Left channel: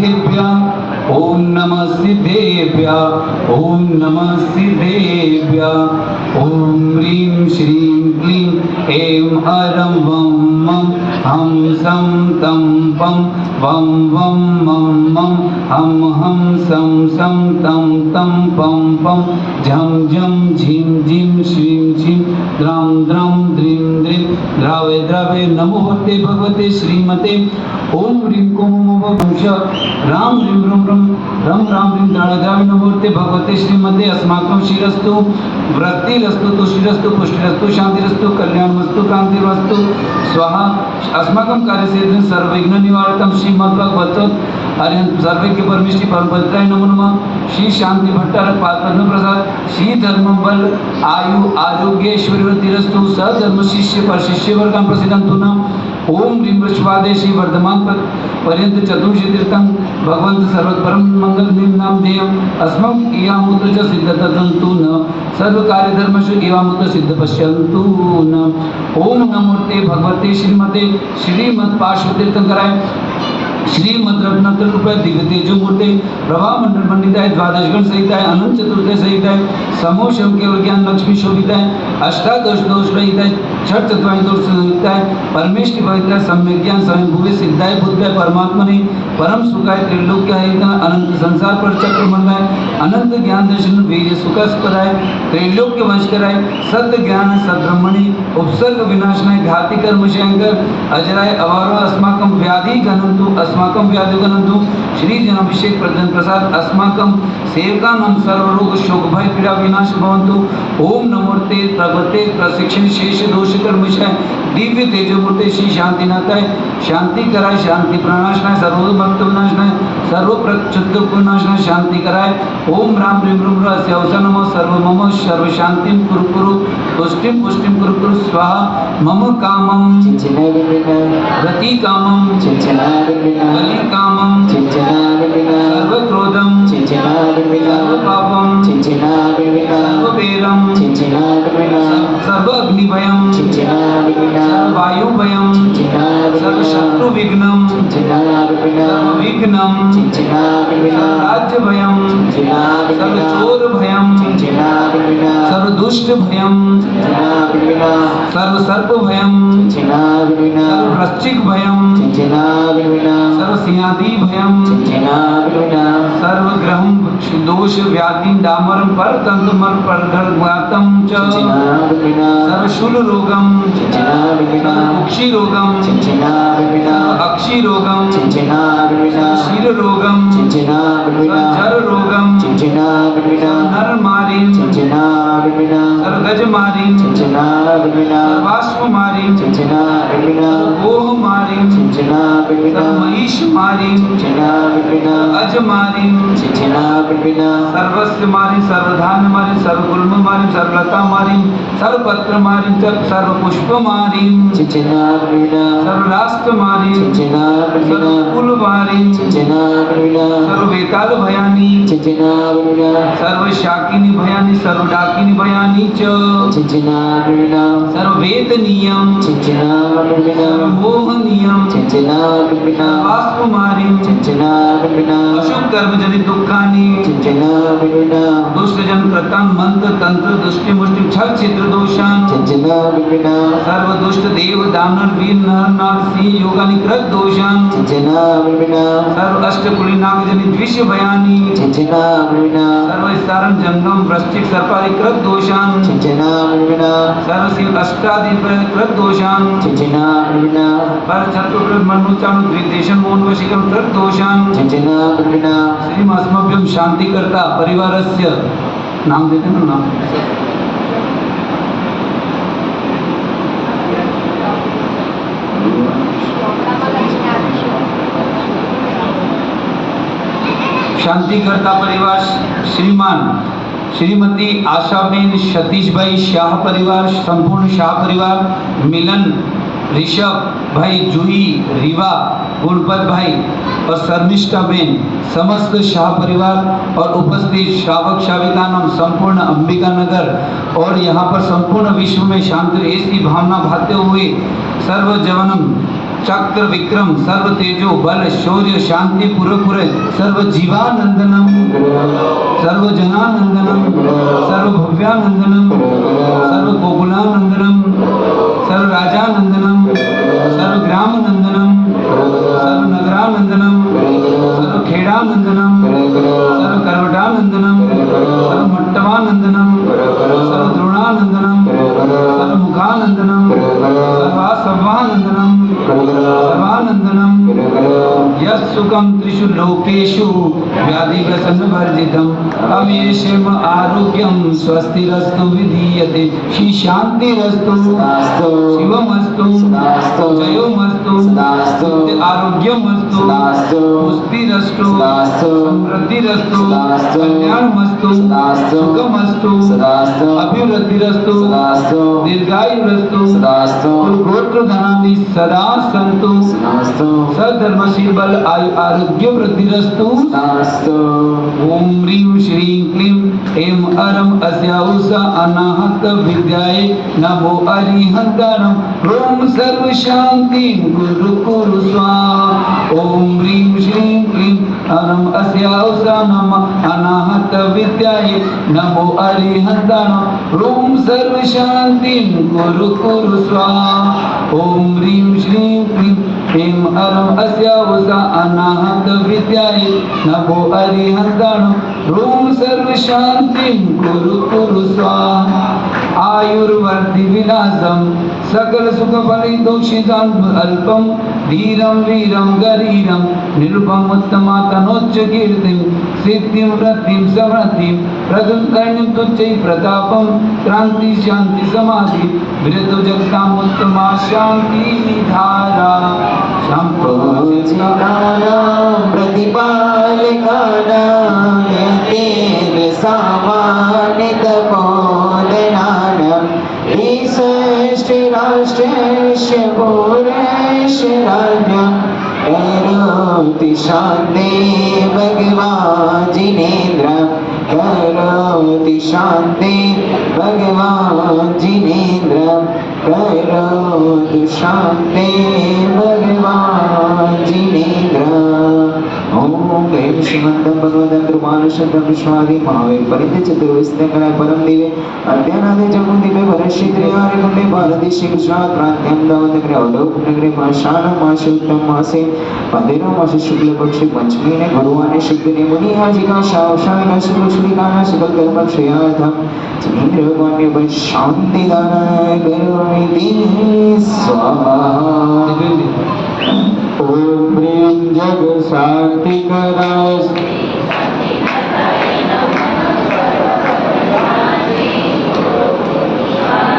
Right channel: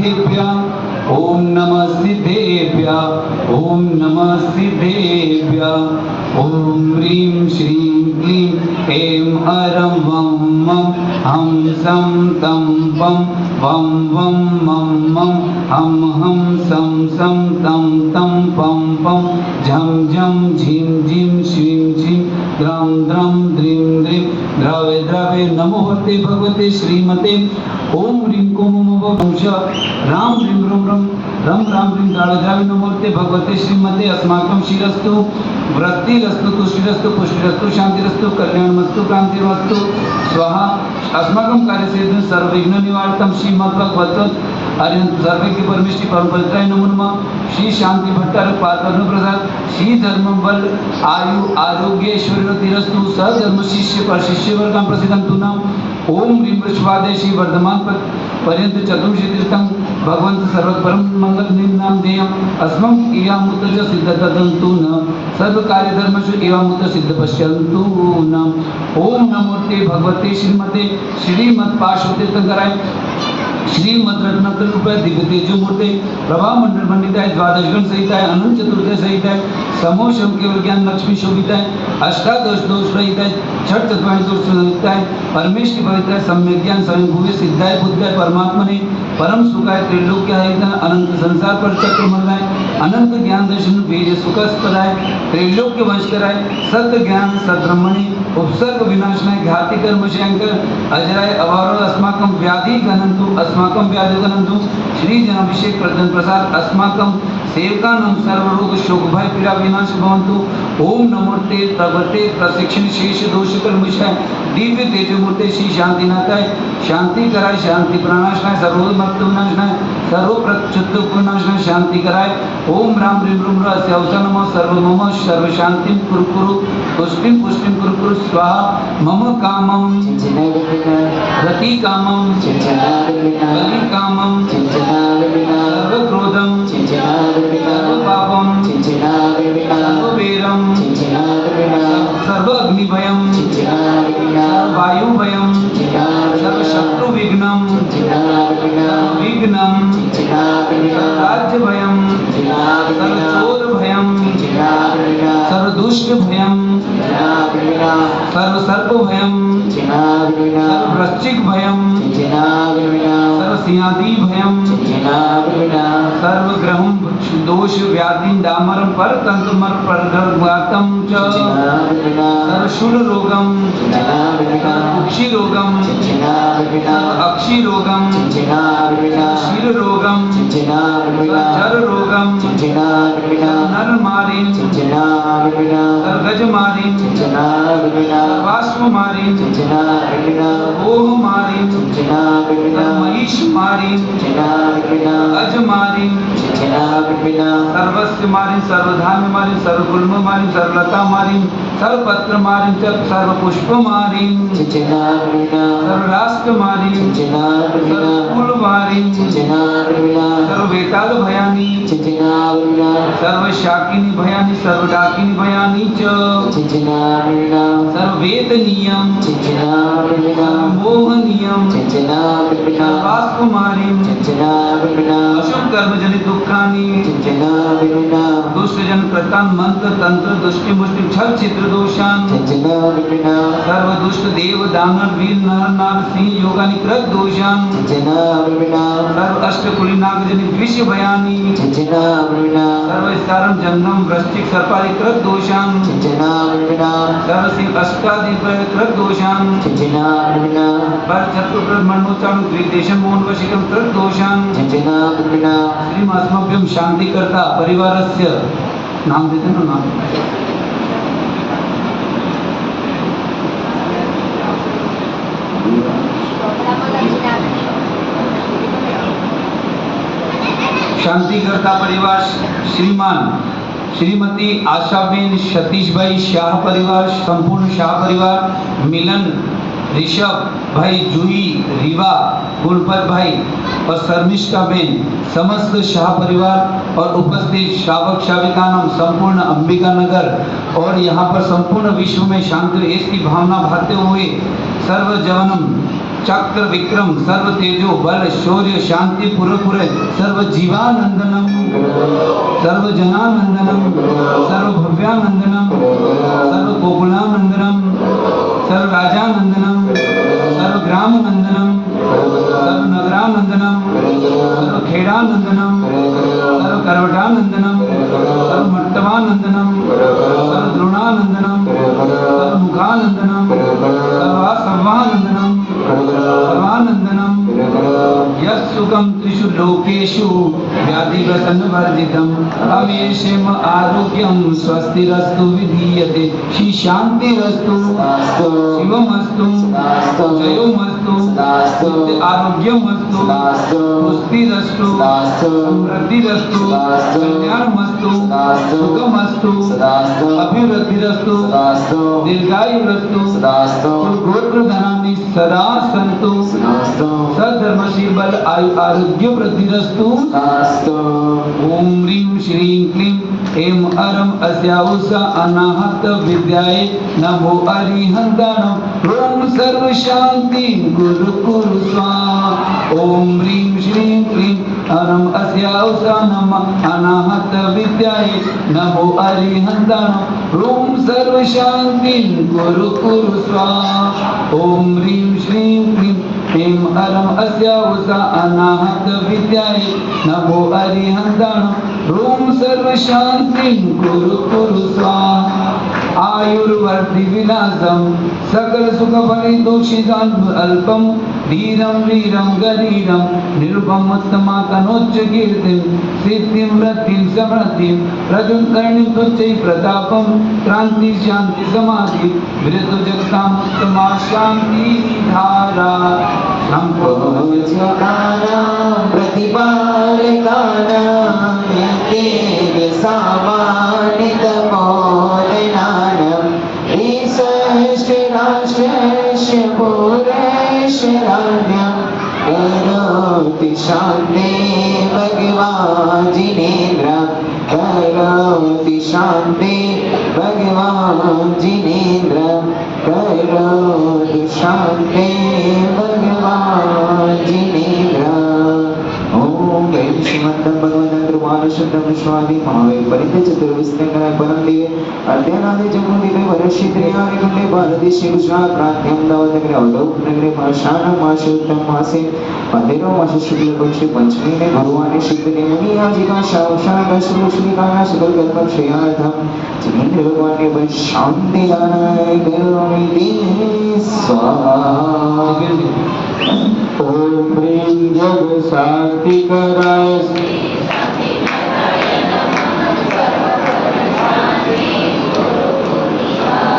सिद्धेभ्यः ओम नमः सिद्धेभ्यः ओम नमः सिद्धेभ्यः ओम ह्रीं श्रीं क्लीं ऐं हरं वं मं हं सं तं पं वं वं मं मं हं हं सं सं तं तं पं पं झं झं झिं झिं शीं शीं द्रं द्रं द्रीं द्रीं द्रावे द्रावे नमोते भगवते श्रीमते ओम ह्रीं कोम वंश राम ह्रीं रूं रूं रम राम ह्रीं द्रावे द्रावे नमोते भगवते श्रीमते अस्माकं शिरस्तु वृत्तिरस्तु तुष्टिरस्तु पुष्टिरस्तु शांतिरस्तु कल्याणमस्तु क्रांतिरस्तु स्वाहा अस्माकं कार्यसिद्धिं सर्वविघ्न निवारकं श्रीमद्भगवत अरिहंत सर्वज्ञ परमेश्वरी परमभद्राय नमो नमः श्री शांति भट्टारक पादपद्म प्रसाद श्री धर्म बल आयु आरोग्य ऐश्वर्यवृद्धिरस्तु सधर्म शिष्य पर शिष्य वर्गं प्रसिद्धंतु न ओम ह्रीं वृषभादे श्री वर्धमान पर्यंत चतुर्षि तीर्थं भगवंत सर्वपरम मंगल नाम देयम् अस्मं इयामुत सिद्धतंतु न सर्व कार्य धर्मसु इयामुत सिद्ध पश्यन्तु न ओम नमोते भगवते श्रीमते श्रीमद् पार्श्व तीर्थंकराय श्रीमद् रत्नाकर दिव्य तेजो मूर्ते प्रभा मंडल मंडिताय द्वादश गण सहिताय अनंत चतुर्दश सहिताय समूह शम केवल ज्ञान लक्ष्मी शोभिताय अष्टादश दोष रहिताय छठ चतुर्थ दोष रहिताय परमेश्वरी पवित्राय सम्यक ज्ञान स्वयं भूवे सिद्धाय बुद्धाय परमात्मने परम सुखाय त्रिलोक्याय अनंत संसार पर चक्र मंगाय अनंत ज्ञान दर्शन वीर सुखस्पदाय त्रैलोक्य वंशकराय सत्य ज्ञान सद्ब्रह्मणे उपसर्ग विनाशनाय घाति कर्म शंकर अजराय अवारो अस्माकं व्याधि गणन्तु अस्माकं व्याधि गणन्तु श्री जनाभिषेक प्रजन प्रसाद अस्माकं सेवकानां सर्वरोग शोक भय पीड़ा विनाश भवन्तु ओम नमोते प्रगते प्रशिक्षण शेष दोष कर्मशाय दिव्य तेजोमूर्ते श्री शांतिनाथाय शांति कराय शांति प्रणाशनाय सर्वोग मुक्त विनाशनाय सर्व प्रक्षुब्ध विनाशनाय शांति कराय ओम राम ह्रीं रूं रस्य अवसर नमो सर्व मम सर्व शांतिं कुरु कुरु पुष्टिं पुष्टिं कुरु कुरु स्वाहा मम कामं रति कामं बलि कामं सर्व क्रोधं सर्व पापं सर्व बेरं सर्व अग्निभयं सर्व वायुभयं सर्व शत्रु विघ्नं सर्व विघ्नं राज्य भयं सर्व चोर भयं सर्व दुष्ट भयं सर्व सर्प भयं सर्व वृश्चिक भयं सर्व सिंहादि भयं सर्व ग्रह दोष व्याधि डामरं परतंत्र मर परगर्भातं च सर्व शूल रोगं कुक्षि रोगं अक्षि रोगं शील रोगं जर रोगं नर मारिं गज मारिं बाष्प मारिं ओह मारिं महिष मारिं अज मारिं सर्वस्व मारिं सर्वधान्य मारिं सर्वगुण मारिं सर्वलता मारिं सर्वपत्र मारिं सर्वपुष्प मारिं सर्वराष्ट्र मारिं सर्वकुल मारिं सर्ववेताल भयानि सर्वशाकिनी भयानि सर्वडाकिनी भयानि च सर्ववेदनीयं सर्वमोहनीयं वास्तुमारिं अशुभ कर्मजनित दुःखानि दुष्टजन कृतान् मंत्र तंत्र दुष्टि मुष्टि छल चित्र दोषान् सर्व दुष्ट देव दानव वीर नर नाग सिंह योगानि कृत दोषान् सर्व अष्टकुली नाग जनित विष भयानि सर्व सारं जंगम वृश्चिक सर्पादि कृत दोषान् सर्व शिव अष्टादि कृत दोषान् पर चतुर्कृत मनोचानु द्विदेशन मोन वशीकरण कृत दोषान् श्रीमस्मभ्यं शांति करता परिवारस्य नाम देते ना नाम शांति करता परिवार श्रीमान श्रीमती आशाबेन सतीशभाई शाह परिवार संपूर्ण शाह परिवार मिलन ऋषभ भाई जूही रीवा गुणपत भाई और शर्मिष्ठा बेन समस्त शाह परिवार और उपस्थित श्रावक श्राविकानम संपूर्ण अंबिका नगर और यहाँ पर संपूर्ण विश्व में शांति की भावना भाते हुए सर्व जवनम चक्र विक्रम सर्व तेजो बल शौर्य शांति पुरपुर सर्व जीवानंदनम सर्व जनानंदनम सर्व भव्यानंदनम सर्व गोकुलानंदनम सर्व राजानंदनम सर्व ग्रामनंदनम सर्व नगरानंदनम सर्व खेड़ानंदनम सर्व करवटानंदनम सर्व मट्टमानंदनम सर्व द्रोणानंदनम सर्व मुखानंदनम सर्वासवानंदनम सर्वानंदनम यत्सुखं त्रिषु लोकेषु व्याधिव्यसनवर्जितं तमेषम आरोग्यं स्वस्तिरस्तु विधीयते श्री शांतिरस्तु शिवमस्तु जयोमस्तु नित्य आरोग्यमस्तु पुष्टिरस्तु समृद्धिरस्तु कल्याणमस्तु सुखमस्तु अभिवृद्धिरस्तु दीर्घायुरस्तु गोत्र धनानि सदा सन्तु सधर्मशील बल आयु आरोग्य वृद्धिरस्तु ओम ह्रीं श्रीं क्लीं ऐं अरं अस्याहुषा अनाहत विद्याये नमो अरिहन्तानं ओम सर्व शांति गुरु कुरु स्वाहा ओम ह्रीं श्रीं क्लीं अरं अस्याहुषा नमः अनाहत विद्याये नमो अरिहन्तानं ओम सर्व शांति गुरु कुरु स्वाहा ओम ह्रीं श्रीं क्लीं ऐं अरं अस्याहुषा अनाहत विद्याये नमो अरिहन्तानं ओम सर्व शांति गुरु कुरु स्वाहा आयुर्वर्धि विनाशम सकल सुख फलितोषितं अल्पम धीरं वीरं गरीरं निरुपम उत्तमा तनोच्च कीर्तिं सिद्धिं वृद्धिं समृद्धिं प्रदुं कर्णिं तुच्चै प्रतापं क्रांति शांति समाधि विरतो जगतां उत्तमा शांति धारा शांति भगवान जिनेन्द्र करोति शांति भगवान जिनेन्द्र करोति शांति भगवान जिनेन्द्र ओम जय श्रीमद् भगवद कृपानुशब्द विश्वादि महावीर परित चतुर्विस्तंगराय परम दिवे अद्यानादि जगु दिवे वर्षित यारि गुणे भारती गुजरात प्रांत्यं दावत ग्रहलोक नगरे माशान माशोत्तम मासे पंद्रह मास शुक्ल पक्ष पंचमी ने भगवान शुद्ध ने मुनि आदि का शावशान का शुभ शुभिकाना शुभ कल्पम श्रेयार्थम जिनेन्द्र भगवान के बल शांति दानाय करोमि स्वाहा ओम प्रेम जग शांति कराय